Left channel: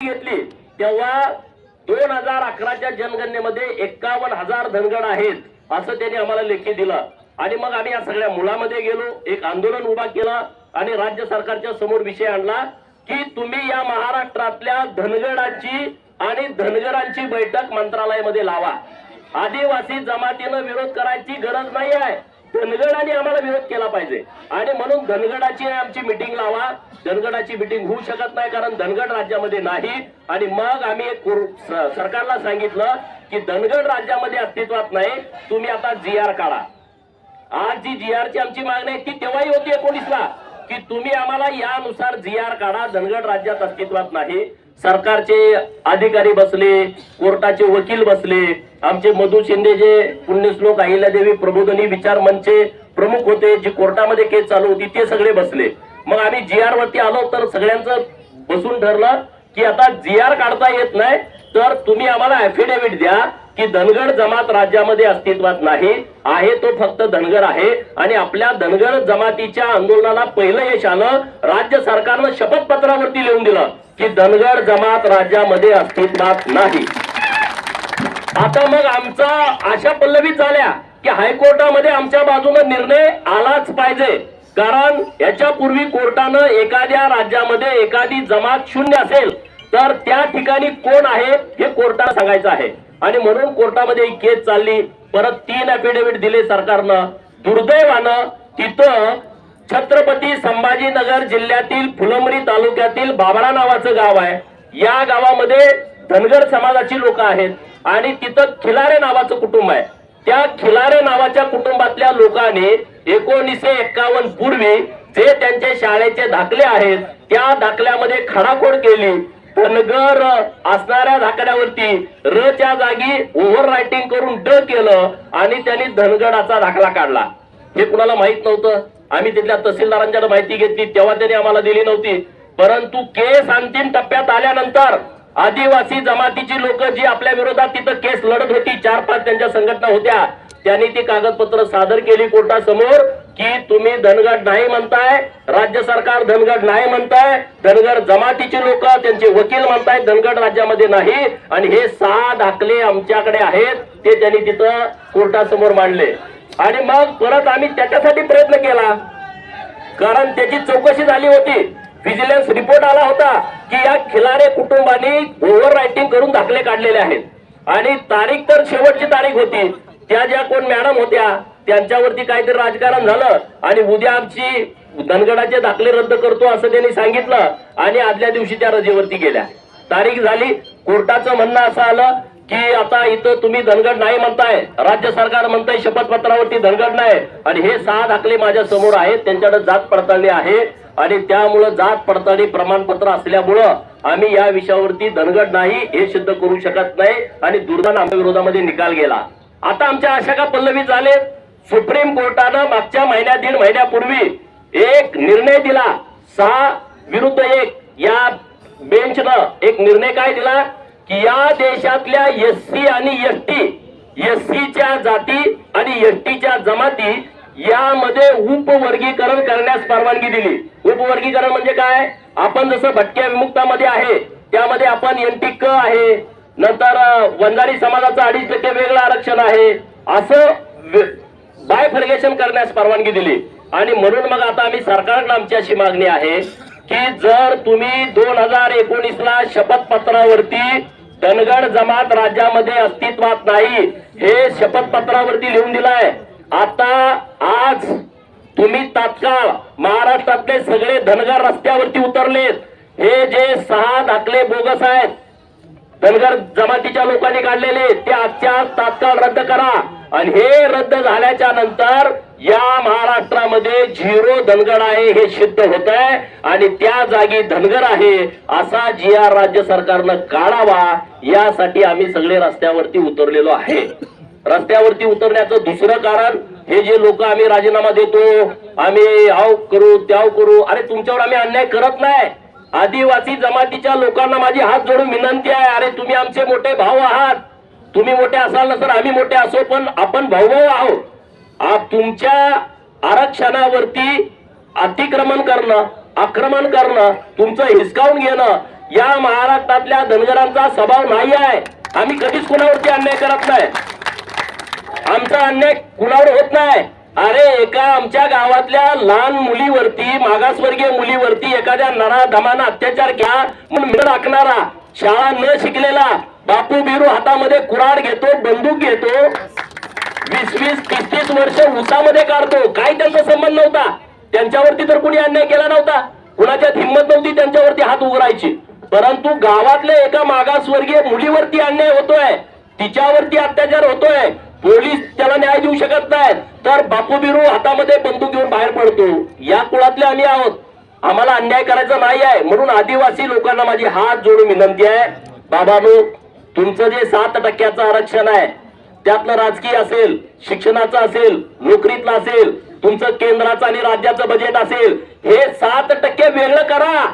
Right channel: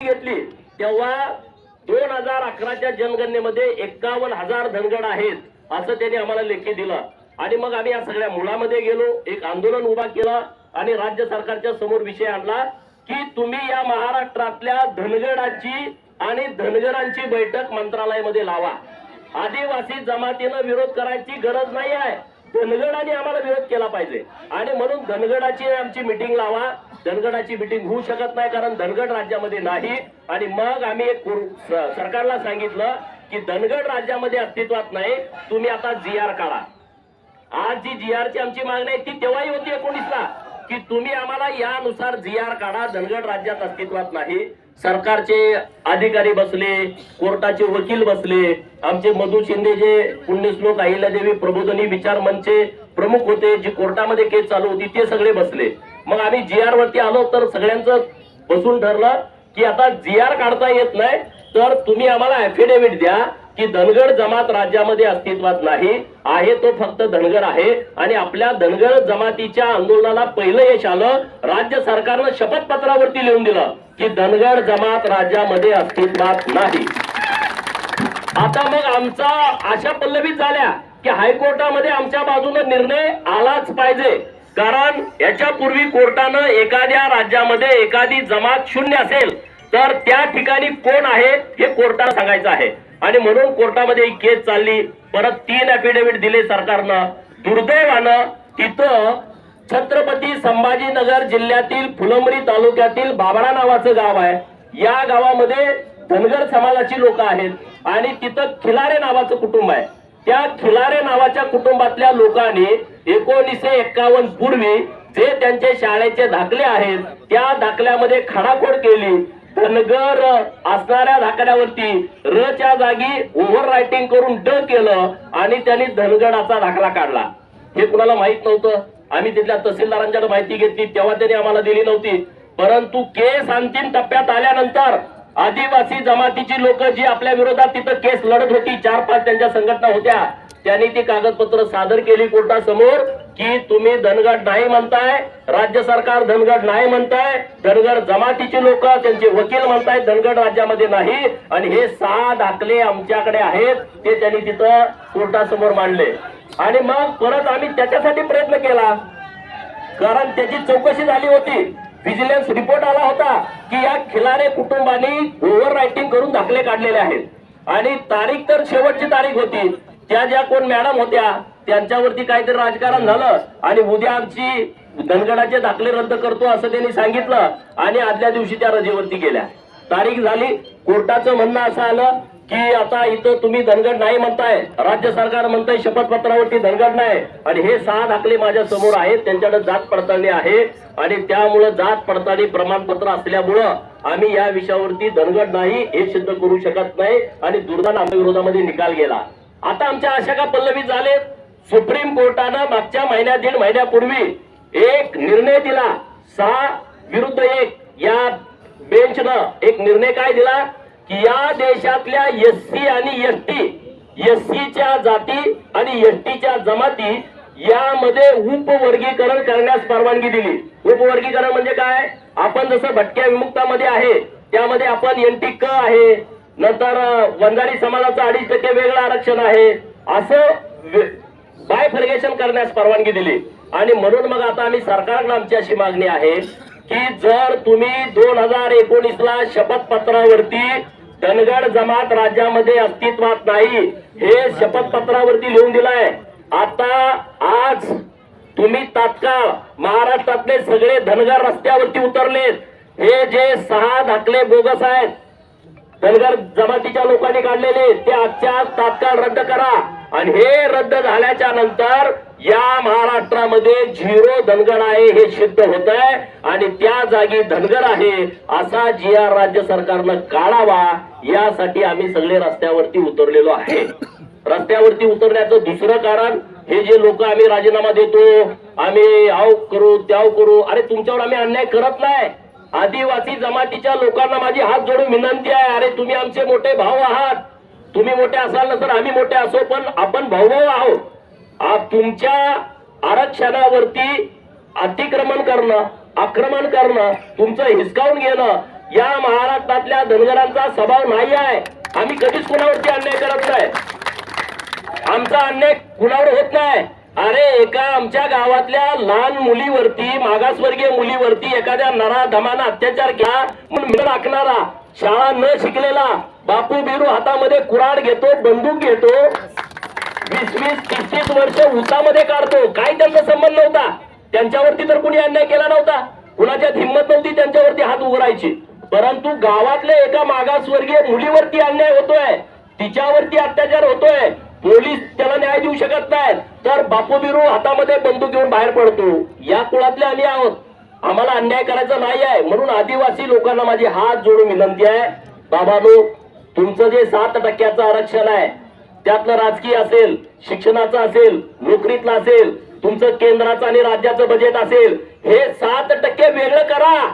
घेतली तेव्हा दोन हजार अकराच्या जनगणनेमध्ये एक्कावन्न हजार धनगड आहेत असं त्यांनी आम्हाला लेखी दिलं. आणि मग आम्ही या सगळ्या मुलामध्ये गेलो एक आंदोलन उभा केला आणि राज्य सरकारच्या समोर विषय आणला की तुम्ही या महाराष्ट्रातल्या धनगडाची आणि धनगरांची बैठक मंत्रालयामध्ये लावा. आदिवासी जमातीनं विरोध करायची गरज नाही आहे. धनगडाने आम्हाला विरोध केला पाहिजे. आणि म्हणून धनगडाची आमची मिटिंग लावा. धनगडाची मिटिंग होऊ शकत नाही कारण धनगड राज्यामध्ये नाही. आणि मग आम्ही एक सरकारला सांगितलं की धनगड राज्यामध्ये अस्तित्वात नाही. तुम्ही आता जी आर काढा. आज जी जी आरची आमची मागणी आहे ती तेव्हाही होती एकोणीसला? की तुम्ही आम्हाला यानुसार जी आर काढा. धनगड राज्यात अस्तित्वात नाही. सरकारचे अधिकारी बसले कोर्टाचे वकील बसले आमचे मधु शिंदे जे पुण्यश्लोक अहिल्यादेवी प्रबोधनी विचार मंचचे प्रमुख होते जे कोर्टामध्ये केस चालू होती ते सगळे बसले. मग आम्ही जी आर वरती आलो तर सगळ्यांचं बसून ठरलं की आता जी आर काढता येत नाही तर तुम्ही आम्हाला ऍफिडेव्हिट द्या. की धनगड जमात राज्यामध्ये अस्तित्वात नाही आहे तो फक्त धनगर आहे. आणि आपल्या धनगर जमातीच्या आंदोलनाला पहिलं यश आलं राज्य सरकारनं शपथपत्रावरती लिहून दिलं की धनगड जमात राज्यामध्ये अस्तित्वात नाही. आता मग आमचा आशा पल्लवी झाल्या की हायकोर्टामध्ये आमच्या बाजूने निर्णय आलाच पाहिजे. कारण याच्यापूर्वी कोर्टानं एखाद्या राज्यामध्ये एखादी जमात शून्य असेल तर त्या ठिकाणी कोण आहे हे कोर्टाला सांगायचं आहे. आणि म्हणून कोर्टामध्ये ही केस चालली. परत तीन अफिडेव्हिट दिले सरकारनं. दुर्दैवानं तिथं छत्रपती संभाजीनगर जिल्ह्यातील फुलंबरी तालुक्यातील बाबळा नावाचं गाव आहे. या गावामध्ये धनगर समाजाची लोक आहेत. आणि तिथं खिलारे नावाचं कुटुंब आहे. त्या खिलारे नावाच्या कुटुंबातल्या लोकांनी एकोणीसशे एक्कावन्न पूर्वी जे त्यांचे शाळेचे दाखले आहेत त्या दाखल्यामध्ये खडाखोड केली. धनगर असणाऱ्या दाखल्यावरती र च्या जागी ओव्हर रायटिंग करून ड केलं आणि त्यांनी धनगडाचा दाखला काढला. हे कुणाला माहीत नव्हतं? आम्ही तिथल्या तहसीलदारांच्याकडे माहिती घेतली तेव्हा त्यांनी आम्हाला दिली नव्हती. परंतु केस अंतिम टप्प्यात आल्यानंतर आदिवासी जमातीची लोक जी आपल्या विरोधात तिथं केस लढत होती चार पाच त्यांच्या संघटना होत्या त्यांनी ती कागदपत्र सादर केली कोर्टासमोर. की तुम्ही धनगड नाही म्हणताय राज्य सरकार धनगड नाही म्हणताय धनगड जमातीचे लोक त्यांचे वकील म्हणताय धनगड राज्यामध्ये नाही. आणि हे सहा दाखले आमच्याकडे आहेत ते त्यांनी तिथं कोर्टासमोर मांडले. आणि मग परत आम्ही त्याच्यासाठी प्रयत्न केला. कारण त्याची चौकशी झाली होती. व्हिजिलन्स रिपोर्ट आला होता की या खिलारे कुटुंबानी ओव्हर रायटिंग करून दाखले काढलेले आहेत. आणि तारीख तर शेवटची तारीख होती. त्या ज्या कोण मॅडम होत्या त्यांच्यावरती काहीतरी राजकारण झालं आणि उद्या आमची धनगडाचे दाखले रद्द करतो असं त्यांनी सांगितलं आणि आदल्या दिवशी त्या रजेवरती गेल्या. तारीख झाली कोर्टाचं म्हणणं असं आलं की आता इथं तुम्ही धनगड नाही म्हणताय राज्य सरकार म्हणताय शपथपत्रावरती धनगड नाही. आणि हे सहा दाखले माझ्यासमोर आहेत त्यांच्याकडे जात पडताळणी आहे आणि त्यामुळं जात पडताळणी प्रमाणपत्र असल्यामुळं आम्ही या विषयावरती धनगड नाही हे सिद्ध करू शकत नाही आणि दुर्दान आमच्या विरोधामध्ये निकाल गेला. आता आमच्या आशा का पल्लवी झाले सुप्रीम कोर्टानं मागच्या महिन्यात दीड महिन्यापूर्वी एक निर्णय दिला. सहा विरुद्ध एक. या बेंचनं एक निर्णय काय दिला? की या देशातल्या एस सी आणि एस टी एस सीच्या जाती आणि एस टीच्या जमाती यामध्ये उपवर्गीकरण करण्यास परवानगी दिली. उपवर्गीकरण म्हणजे काय? आपण जसं भटक्या विमुक्तामध्ये आहे त्यामध्ये आपण एन टी क आहे. नंतर वंजारी समाजाचं अडीच टक्के वेगळं आरक्षण आहे. असं बायफर्गेशन करण्यास परवानगी दिली? आणि म्हणून मग आता आम्ही सरकारला आमची अशी मागणी आहे की जर तुम्ही दोन हजार एकोणीस ला शपथपत्रावरती धनगड जमात राज्यामध्ये अस्तित्वात नाही हे शपथपत्रावरती लिहून दिलाय. आता आज तुम्ही तात्काळ महाराष्ट्रातले सगळे धनगर रस्त्यावरती उतरलेत. हे जे सहा दाखले बोगस आहेत धनगर जमातीच्या लोकांनी काढलेले ते आजच्या आज तात्काळ रद्द करा. आणि हे रद्द झाल्याच्यानंतर या महाराष्ट्रामध्ये झिरो धनगर आहे हे सिद्ध होत आहे आणि त्या जागी धनगर आहे असा जी आर राज्य सरकारनं काढावा यासाठी आम्ही सगळे रस्त्यावरती उतरलेलो आहे. रस्त्यावरती उतरण्याचं दुसरं कारण हे जे लोक आम्ही राजीनामा देतो आम्ही आव करू त्याव करू अरे तुमच्यावर आम्ही अन्याय करत नाही. आदिवासी जमातीच्या लोकांना माझी हात जोडून विनंती आहे अरे तुम्ही आमचे मोठे भाऊ आहात. तुम्ही मोठे असाल तर आम्ही मोठे असो पण आपण भाऊभाऊ आहोत. तुमच्या आरक्षणावरती अतिक्रमण करणं आक्रमण करणं तुमचं हिसकावून घेणं या महाराष्ट्रातल्या धनगरांचा स्वभाव नाही आहे. आम्ही कधीच कुणावरती अन्याय करत नाही. आमचा अन्याय कुणावर होत नाही. अरे एका आमच्या गावातल्या लहान मुलीवरती मागासवर्गीय मुलीवरती एखाद्या नरा धमाना अत्याचार घ्या म्हणून मिळ टाकणारा शाळा न शिकलेला बापू बिरू हातामध्ये कुराड घेतो बंदूक घेतो. वीस वीस तीस तीस वर्ष उसामध्ये काढतो. काय त्यांचा संबंध नव्हता. त्यांच्यावरती तर कुणी अन्याय केला नव्हता. कुणाच्यात हिंमत नव्हती त्यांच्यावरती हात उघडायची. परंतु गावातल्या एका मागासवर्गीय मुलीवरती अन्याय होतोय. तिच्यावरती अत्याचार होतोय. पोलीस त्याला न्याय देऊ शकत नाही तर बापू बिरू हातामध्ये बंदूक घेऊन बाहेर पडतो. या कुळातले आम्ही आहोत. आम्हाला अन्याय करायचा नाही आहे. म्हणून आदिवासी लोकांना माझी हात जोडून विनंती आहे. बाबानो तुमचं जे सात टक्क्याचं आरक्षण आहे त्यातलं राजकीय असेल शिक्षणाचं असेल नोकरीतलं असेल तुमचं केंद्राचं आणि राज्याचं बजेट असेल हे सात टक्के वेगळं करा.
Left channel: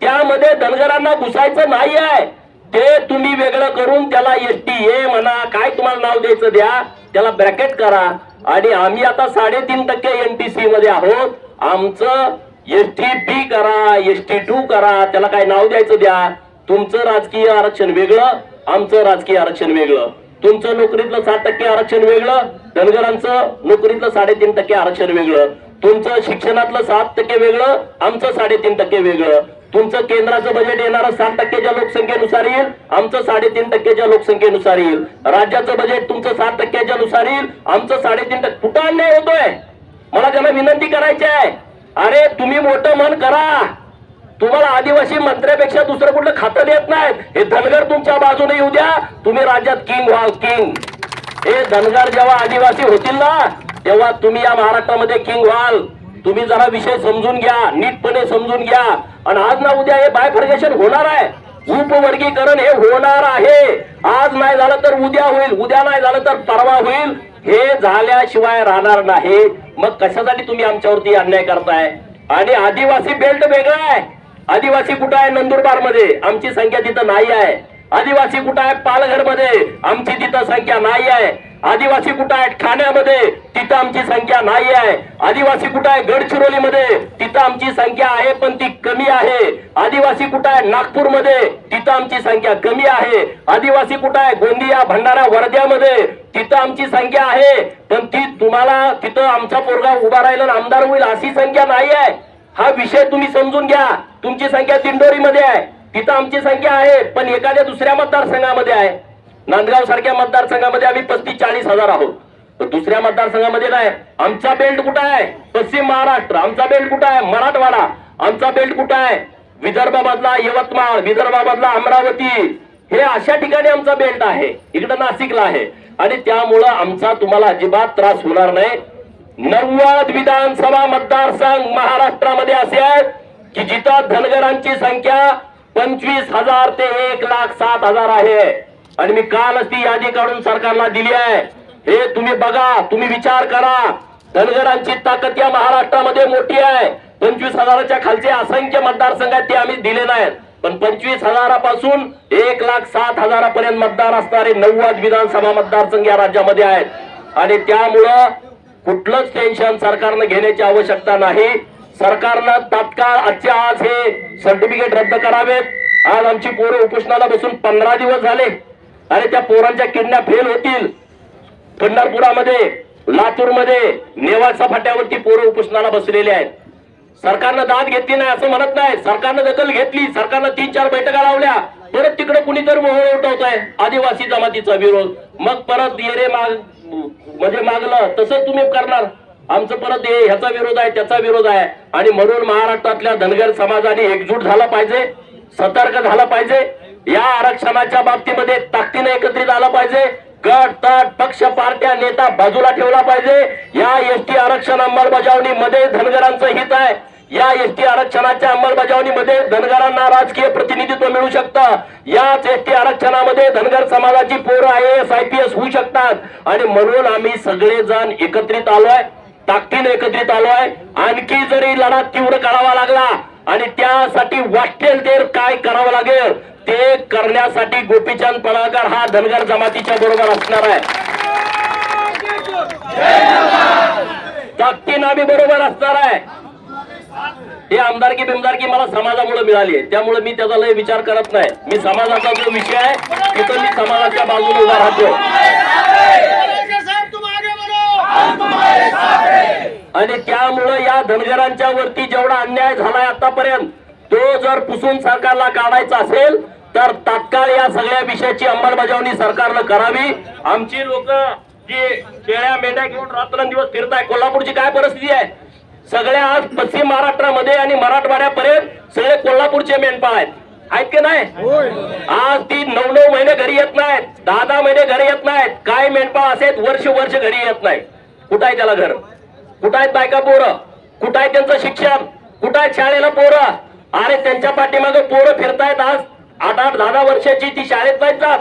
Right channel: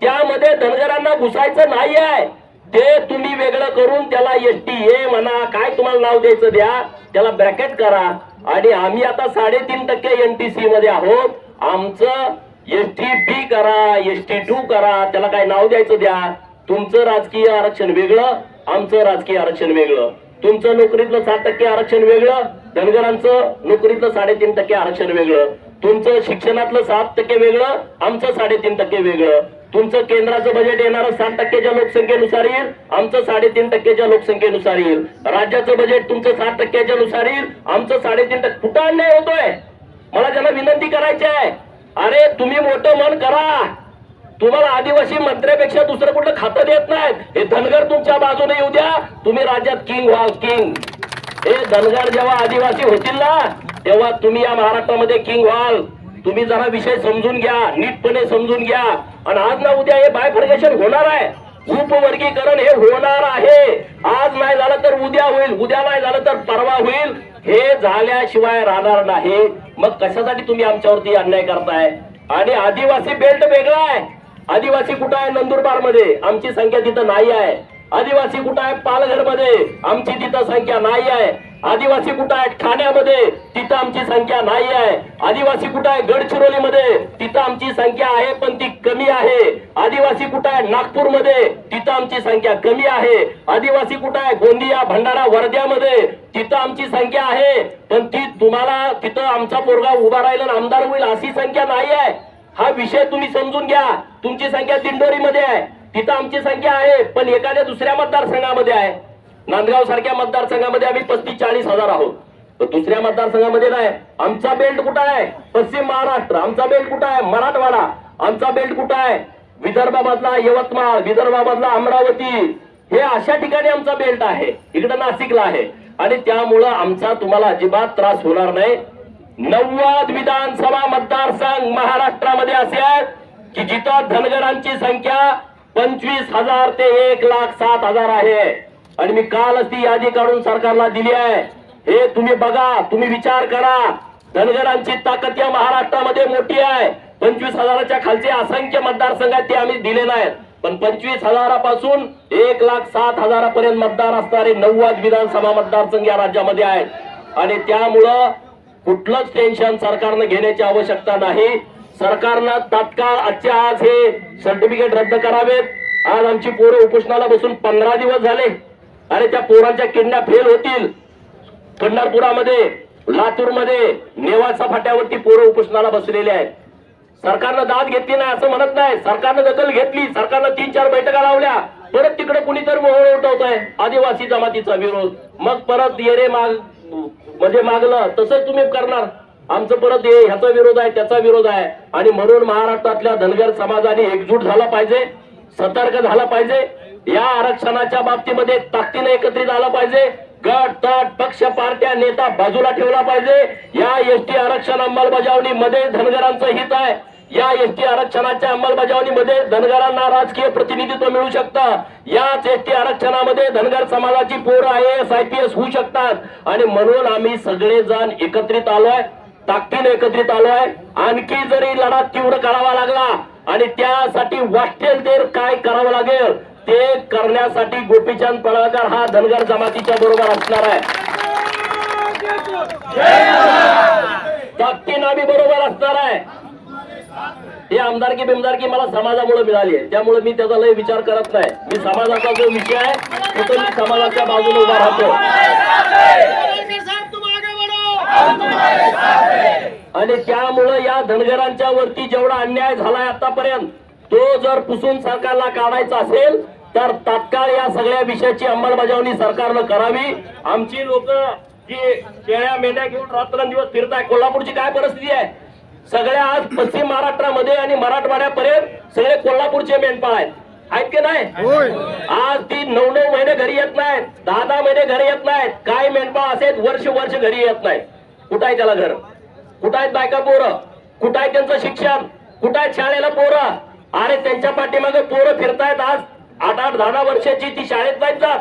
त्यामध्ये धनगरांना घुसायचं नाही आहे ते तुम्ही वेगळं करून त्याला एस टी ए म्हणा काय तुम्हाला नाव द्यायचं द्या त्याला ब्रॅकेट करा. आणि आम्ही आता साडेतीन टक्के एन टी सी मध्ये आहोत. आमचं एस टी बी करा एस टी टू करा त्याला काय नाव द्यायचं द्या. तुमचं राजकीय आरक्षण वेगळं आमचं राजकीय आरक्षण वेगळं. तुमचं नोकरीतलं सात टक्के आरक्षण वेगळं धनगरांचं नोकरीतलं साडेतीन टक्के आरक्षण वेगळं. तुमचं शिक्षणातलं सात टक्के वेगळं आमचं साडेतीन टक्के वेगळं. तुमचं केंद्राचं बजेट येणारं सात टक्केच्या लोकसंख्येनुसार येईल आमचं साडेतीन टक्केच्या लोकसंख्येनुसार येईल. राज्याचं बजेट तुमचं सात टक्क्याच्या नुसार येईल आमचं साडेतीन टक्के कुठं अन्याय होतोय? मला त्यांना विनंती करायची आहे. अरे तुम्ही मोठं मन करा. तुम्हाला आदिवासी मंत्र्यापेक्षा दुसरं कुठलं खातं देत नाहीत. हे धनगर तुमच्या बाजूने येऊ द्या. तुम्ही राज्यात किंग व्हा किंग हे धनगर जेव्हा आदिवासी होतील ना तेव्हा तुम्ही या महाराष्ट्रामध्ये किंग व्हाल. तुम्ही जरा विषय समजून घ्या नीटपणे समजून घ्या. आणि आज ना उद्या हे बायफर्गेशन होणार आहे. उपवर्गीकरण हे होणार आहे. आज नाही झालं तर उद्या होईल उद्या नाही झालं तर परवा होईल. हे झाल्याशिवाय राहणार नाही. मग कशासाठी तुम्ही आमच्यावरती अन्याय करताय? आणि आदिवासी बेल्ट वेगळा आहे. आदिवासी कुठं आहे नंदुरबारमध्ये आमची संख्या तिथं नाही आहे. आदिवासी कुठं आहे पालघरमध्ये आमची तिथं संख्या नाही आहे. आदिवासी कुठं आहे ठाण्यामध्ये? तिथं आमची संख्या नाही आहे. आदिवासी कुठं आहे गडचिरोलीमध्ये? तिथं आमची संख्या आहे पण ती कमी आहे. आदिवासी कुठं आहे नागपूरमध्ये? तिथं आमची संख्या कमी आहे. आदिवासी कुठं आहे गोंदिया भंडारा वर्ध्यामध्ये? तिथं आमची संख्या आहे. पण ती तुम्हाला तिथं आमचा पोरगा उभा राहिला आमदार होईल अशी संख्या नाही आहे. हा विषय तुम्ही समजून घ्या. तुमची संख्या दिंडोरीमध्ये आहे. तिथं आमची संख्या आहे पण एखाद्या दुसऱ्या मतदारसंघामध्ये आहे. नांदगाव सारख्या मतदारसंघामध्ये आम्ही पस्तीस चाळीस हजार आहोत. तर दुसऱ्या मतदारसंघामध्ये नाही. आमचा बेल्ट कुठं आहे? पश्चिम महाराष्ट्र. आमचा बेल्ट कुठं आहे? मराठवाडा. आमचा बेल्ट कुठं आहे? विदर्भामधला यवतमाळ विदर्भामधला अमरावती. हे अशा ठिकाणी आमचा बेल्ट आहे. इकडं नाशिकला आहे. आणि त्यामुळं आमचा तुम्हाला अजिबात त्रास होणार नाही. नव्वद विधानसभा मतदारसंघ महाराष्ट्रामध्ये असे आहेत की जिथं धनगरांची संख्या पंचवीस हजार ते एक लाख सात हजार आहे. आणि मी कालच ती यादी काढून सरकारला दिली आहे. हे तुम्ही बघा तुम्ही विचार करा. धनगरांची ताकद या महाराष्ट्रामध्ये मोठी आहे. पंचवीस हजाराच्या खालचे असंख्य मतदारसंघ आहेत ते आम्ही दिले नाहीत पण पंचवीस हजारापासून एक लाख सात हजारापर्यंत मतदार असणारे नव्वद विधानसभा मतदारसंघ या राज्यामध्ये आहेत. आणि त्यामुळं कुठलंच टेन्शन सरकारनं घेण्याची आवश्यकता नाही. सरकारनं तात्काळ आजच्या आज हे सर्टिफिकेट रद्द करावेत. आज आमची पोरं उपोषणाला बसून पंधरा दिवस झाले. अरे त्या पोरांच्या किडण्या फेल होतील. पंढरपुरामध्ये लातूरमध्ये नेवासा फाट्यावरती पोरं उपोषणाला बसलेले आहेत. सरकारनं दाद घेतली नाही असं म्हणत नाही. सरकारनं दखल घेतली. सरकारनं तीन चार बैठका लावल्या. परत तिकडे कुणीतरी मोहळ उठवत आहे आदिवासी जमातीचा विरोध. मग परत येरे माग म्हणजे मागलं तसंच तुम्ही करणार. आमचं परत हे ह्याचा विरोध आहे त्याचा विरोध आहे. आणि म्हणून महाराष्ट्रातल्या धनगर समाजाने एकजूट झाला पाहिजे सतर्क झाला पाहिजे. या आरक्षणाच्या बाबतीमध्ये ताकदीने एकत्रित आलं पाहिजे. गट तट पक्ष पार्ट्या नेता बाजूला ठेवला पाहिजे. या एस टी आरक्षण अंमलबजावणीमध्ये धनगरांचं हित आहे. या एस टी आरक्षणाच्या अंमलबजावणीमध्ये धनगरांना राजकीय प्रतिनिधित्व मिळू शकतं. याच एस टी आरक्षणामध्ये धनगर समाजाची पोरं I S I P S होऊ शकतात. आणि म्हणून आम्ही सगळेजण एकत्रित आलोय ताकदीने एकत्रित आलोय. आणखी जरी लढा तीव्र करावा लागला आणि त्यासाठी वाटेल ते काय करावं लागेल ते करण्यासाठी गोपीचंद पळाकर हा धनगर जमातीच्या बरोबर असणार आहे. ताकदीनं आम्ही बरोबर असणार आहे. हे आमदारकी बिमदारकी मला समाजामुळे मिळाली आहे. त्यामुळे मी त्याचा लय विचार करत नाही. मी समाजाचा जो विषय आहे तिथं मी समाजाच्या बाजूने उभा राहतो. आणि त्यामुळं या धनगरांच्या वरती जेवढा अन्याय झालाय आतापर्यंत तो जर पुसून सरकारला काढायचा असेल तर तात्काळ या सगळ्या विषयाची अंमलबजावणी सरकारनं करावी. आमची लोक जी शेळ्या मेंढ्या घेऊन रात्रंदिवस फिरताय कोल्हापूरची काय परिस्थिती आहे? सगळ्या आज पश्चिम महाराष्ट्रामध्ये आणि मराठवाड्यापर्यंत सगळे कोल्हापूरचे मेंढपाळ आहेत. आहेत की नाही? आज ती नऊ नऊ महिने घरी येत नाहीत. दहा दहा महिने घरी येत नाहीत. काय मेंढपाळ असे वर्ष वर्ष घरी येत नाही. कुठं आहे त्याला घर? कुठं आहेत बायका पोरं? कुठं आहे त्यांचं शिक्षण? कुठं आहेत शाळेला पोरं? आणि त्यांच्या पाठीमागे पोरं फिरतायत आज. आठ आठ दहा दहा वर्षाची ती शाळेत नाहीत जात.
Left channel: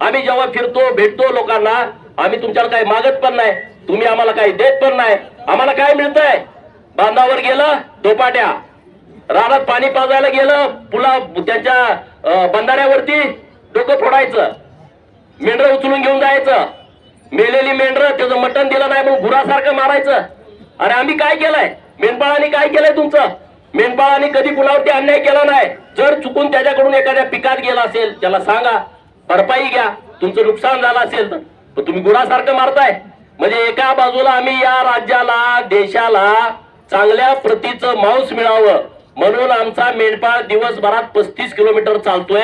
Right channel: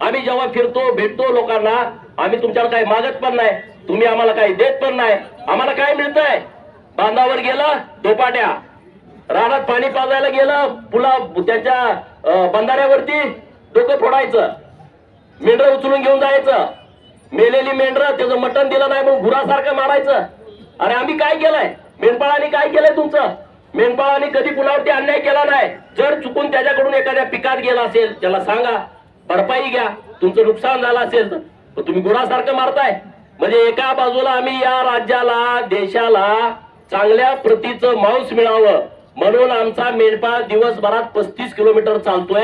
आम्ही जेव्हा फिरतो भेटतो लोकांना आम्ही तुमच्याला काही मागत पण नाही. तुम्ही आम्हाला काही देत पण नाही. आम्हाला काय मिळतंय? बांधावर गेलं दोपाट्या. रानात पाणी पाजायला गेलं पुला त्याच्या बंधाऱ्यावरती डोकं फोडायचं. मेंढरं उचलून घेऊन जायचं. मेलेली मेंढरं त्याचं मटण दिलं नाही म्हणून भुरासारखं मारायचं. अरे आम्ही काय केलंय? मेंढपाळाने काय केलंय तुमचं? मेंढपाळाने कधी कुणावरती अन्याय केला नाही? जर चुकून त्याच्याकडून एखाद्या पिकात गेला असेल त्याला सांगा भरपाई घ्या. तुमचं नुकसान झालं असेल तर तुम्ही गुरासारखं मारताय. म्हणजे एका बाजूला आम्ही या राज्याला देशाला चांगल्या प्रतीचं मांस मिळावं म्हणून आमचा मेंढपाळ दिवसभरात पस्तीस किलोमीटर चालतोय.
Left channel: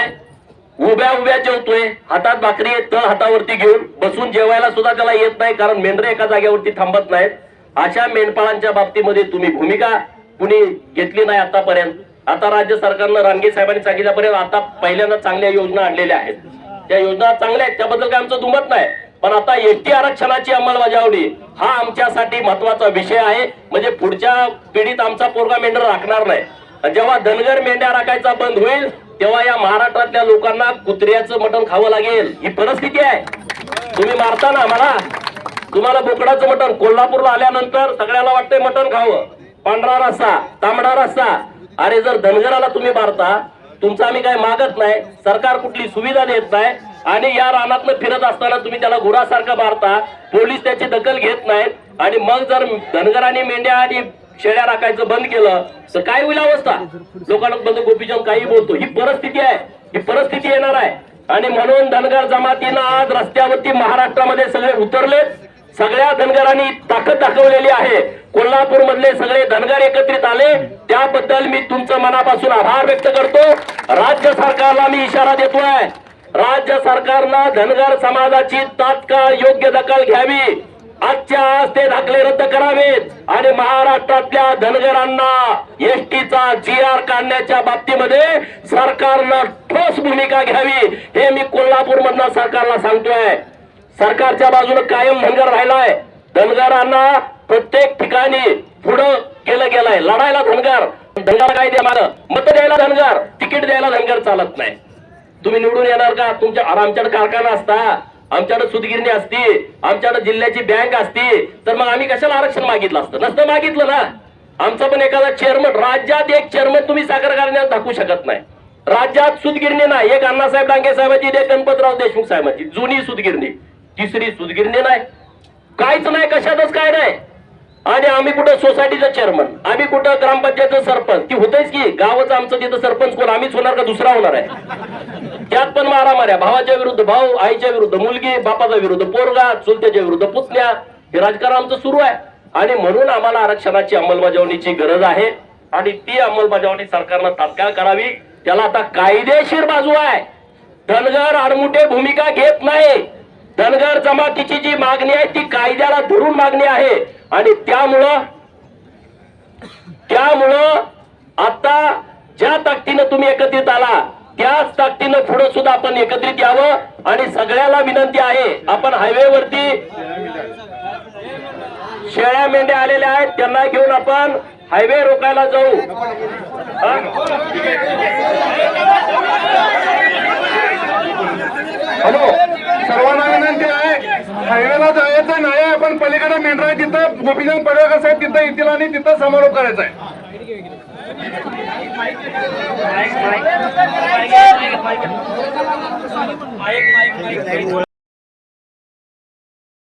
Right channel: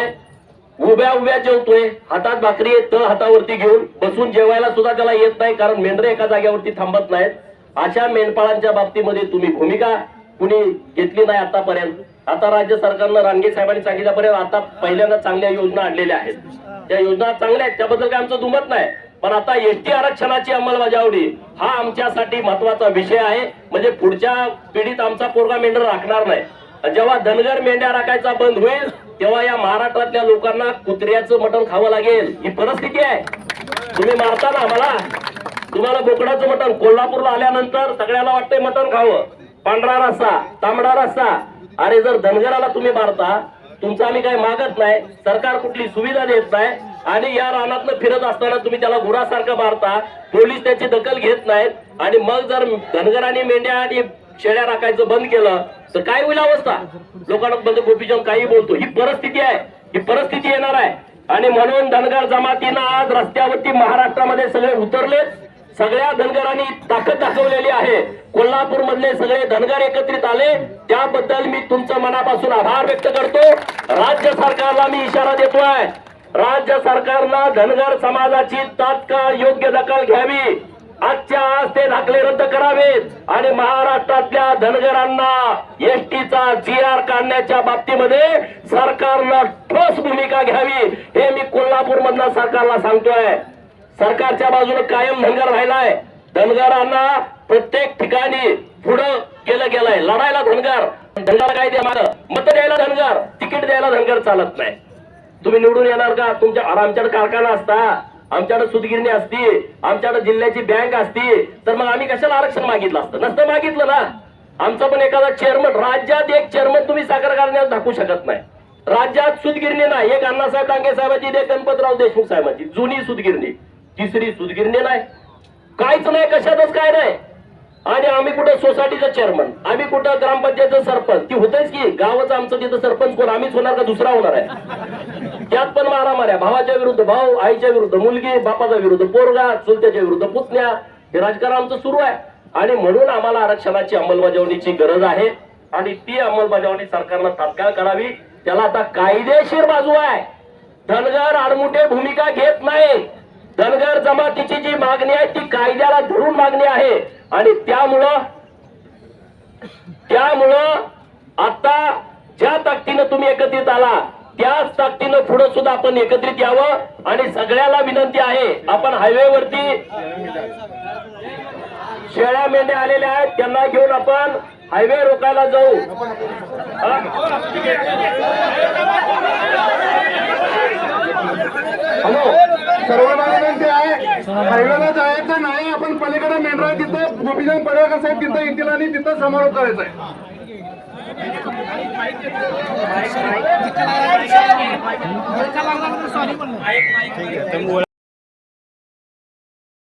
उभ्या उभ्या जेवतोय. हातात भाकरी येत तळ हातावरती घेऊन बसून जेवायला सुद्धा त्याला येत नाही कारण मेंढरे एका जागेवरती थांबत नाहीत. अशा मेंढपाळांच्या बाबतीमध्ये तुम्ही भूमिका कुणी घेतली नाही आतापर्यंत. आता राज्य सरकारनं रानगे साहेबांनी सांगितल्यापर्यंत आता पहिल्यांदा चांगल्या योजना आणलेल्या आहेत. त्या योजना चांगल्या आहेत त्याबद्दल काय आमचं दुमत नाही. पण आता एसटी आरक्षणाची अंमलबजावणी हा आमच्यासाठी महत्त्वाचा विषय आहे. म्हणजे पुढच्या पिढीत आमचा पोरगा मेंढर राखणार नाही. आणि जेव्हा धनगर मेंढ्या राखायचा बंद होईल तेव्हा या महाराष्ट्रातल्या लोकांना कुत्र्याचं मटण खावं लागेल. ही परिस्थिती आहे. तुम्ही मारता ना मला तुम्हाला बोकडाचं मटण. कोल्हापूरला आल्यानंतर सगळ्याला वाटतंय मटण खावं. पांढरा रस्सा तांबडा रस्सा. अरे जर धनगराला तुम्ही मारता तुमचं आम्ही काय मागत नाही. सरकार कुठली सुविधा देत नाही. आणि या रानातनं फिरत असताना तुम्ही त्याला गुरासारखं मारता पोलीस त्याची दखल घेत नाहीत. आणि मग जर धनगरांनी मेंढ्या आणि शेळ्या राखायचं बंद केलं तर काय होईल अवस्था? लोकांना बंद गोपीचंद काही बोलतो. ही परिस्थिती आहे. ही परिस्थिती येणार आहे. आणि म्हणून धनगर जमातीनं आज रस्त्यावरती महाराष्ट्रामध्ये सगळे उतरलेत. सगळ्या धनगरांनी ताकद दाखवलेली आहे. कोल्हापूर मधले सगळे धनगर एकत्रित आले. त्याबद्दल मी तुमचं मनापासून आभार व्यक्त करतो. राज्य सरकारला मी इशारा देतोय. राज्य सरकारनं धनगर समाजाची तात्काळ योग्य दखल घ्यावी. आजच्या आज ते दाखले रद्द करावेत. आणि महाराष्ट्रातल्या धनगरांना एसटीचा जी आर काढण्याच्या बाबतीमध्ये सरकारनं ठोस भूमिका घ्यावी. हे मी कोल्हापूर मधल्या सरकारला सांगतोय. सरकारच्या बाजूने कायम धनगर राहिलाय धनगरांना प्रत्येक ठिकाणी पुढं केलं गेलंय. लढायला धनगर. धनगर काय द्या मत द्यायला धनगर. तिकीट द्यायला धनगर चालत नाही. तुम्ही निवडून येणार का? तुमच्या आमच्याकडे कारखाना असता. आमच्याकडे सुतगिरणी असती. आमच्याकडे जिल्ह्याची बँक असती. तर मग आम्ही कशाला आरक्षण मागितलं असतं? नसतं मागितलं ना. आमचा पण एखादा चेअरमन राज्यात एक चेअरमन तुम्ही साखर कारखान्यात दाखवू शकत नाही. राज्यात सुतगिरणी नाही. एक अण्णासाहेब डांगे साहेबांची एक गणपतराव देशमुख साहेबांची. जुनी सुतगिरणी तिसरी सुतगिरणी नाही. काहीच नाही. कशातच काय नाही. आणि आम्ही कुठं सोसायटीचं चेअरमन आम्ही कुठं ग्रामपंचायतचं सरपंच? ती होतेच की गावाचं आमचं तिथं सरपंच कोण? आम्हीच होणार का दुसरा होणार आहे? त्यात पण मारामाऱ्या. भावाच्या विरुद्ध भाऊ आईच्या विरुद्ध मुलगी बापाच्या विरुद्ध पोरगा चुलत्याच्या विरुद्ध पुतण्या. हे राजकारण आमचं सुरू आहे. आणि म्हणून आम्हाला आरक्षणाची अंमलबजावणीची गरज आहे. आणि ती अंमलबजावणी सरकारनं तात्काळ करावी. त्याला आता कायदेशीर बाजू आहे. धनगर आडमुठे भूमिका घेत नाही. धनगर जमातीची जी मागणी आहे ती कायद्याला धरून मागणी आहे. आणि त्यामुळं त्यामुळं आता ज्या ताकदीनं तुम्ही एकत्रित आला त्याच ताकदीनं पुढे सुद्धा आपण एकत्रित यावं आणि सगळ्याला विनंती आहे आपण हायवेवरती शेळ्या मेंढ्या आलेल्या आहेत त्यांना घेऊन आपण हायवे रोकायला जाऊ. हॅलो सर्वांना विनंती आहे हायवेला जायचं नाही आपण पलीकडे मेंढरा तिथं गोपीचंद पडळकर साहेब तिथं येतील आणि तिथं समारोप करायचा आहे. Mic mic